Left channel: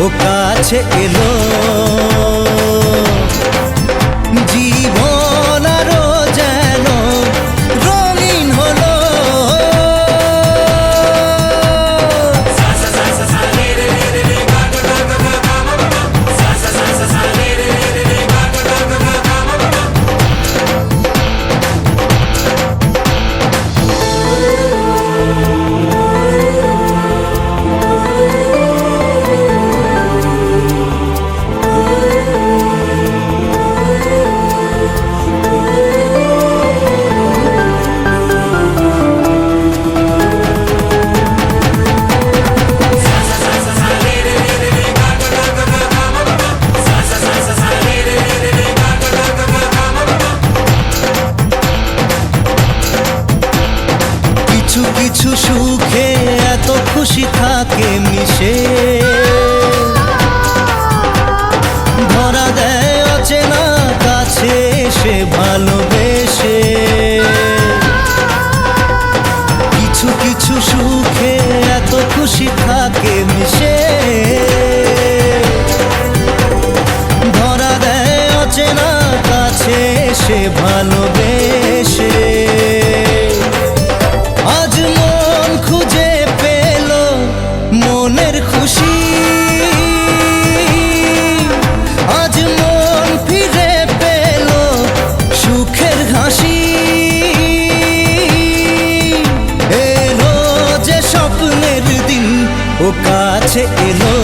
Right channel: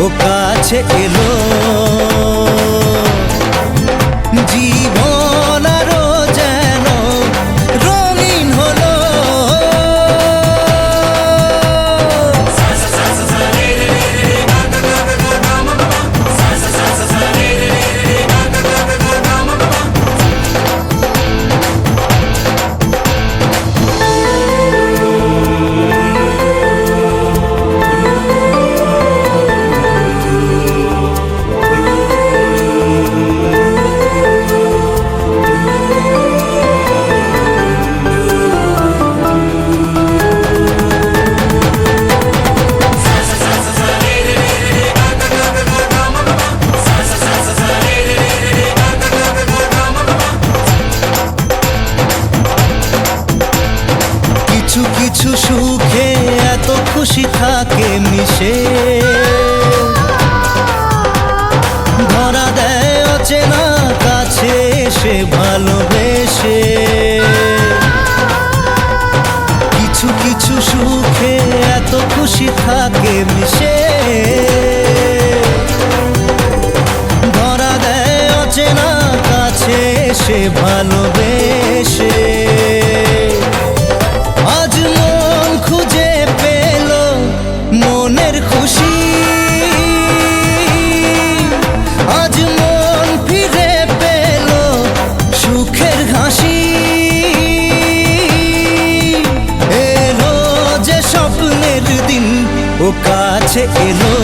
ও কাছে এলো জীবন আরো যেন রঙিন হলো কিছু কিছু সুখে এত খুশি থাকে মিশে ধরা দেয় অচেনা কাছে সে ভালোবেসে কিছু কিছু সুখে এত খুশি থাকে মিশে ধরা দেয় অচেনা কাছে সে ভালোবেসে আজ মন খুঁজে পেল মনের খুশি আজ মন ফিরে পেল সুখের হাসি এলো যে স্বপ্নের দিন ও কাছে এলো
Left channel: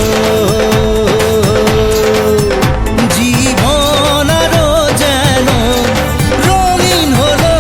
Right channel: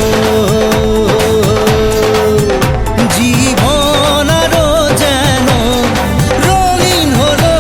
জীবন আরো যেন রঙিন হলো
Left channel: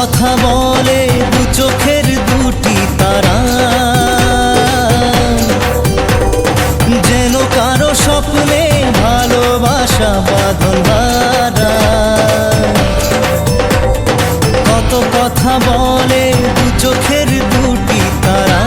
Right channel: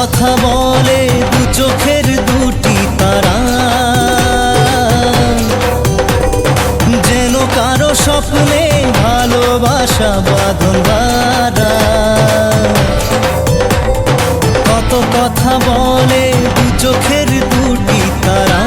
কথা বলে দু চোখের দুটি তারা, যেন কারো স্বপ্নে ভালোবাসা বাঁধন হারা। কত কথা বলে দু চোখের দুটি তারা।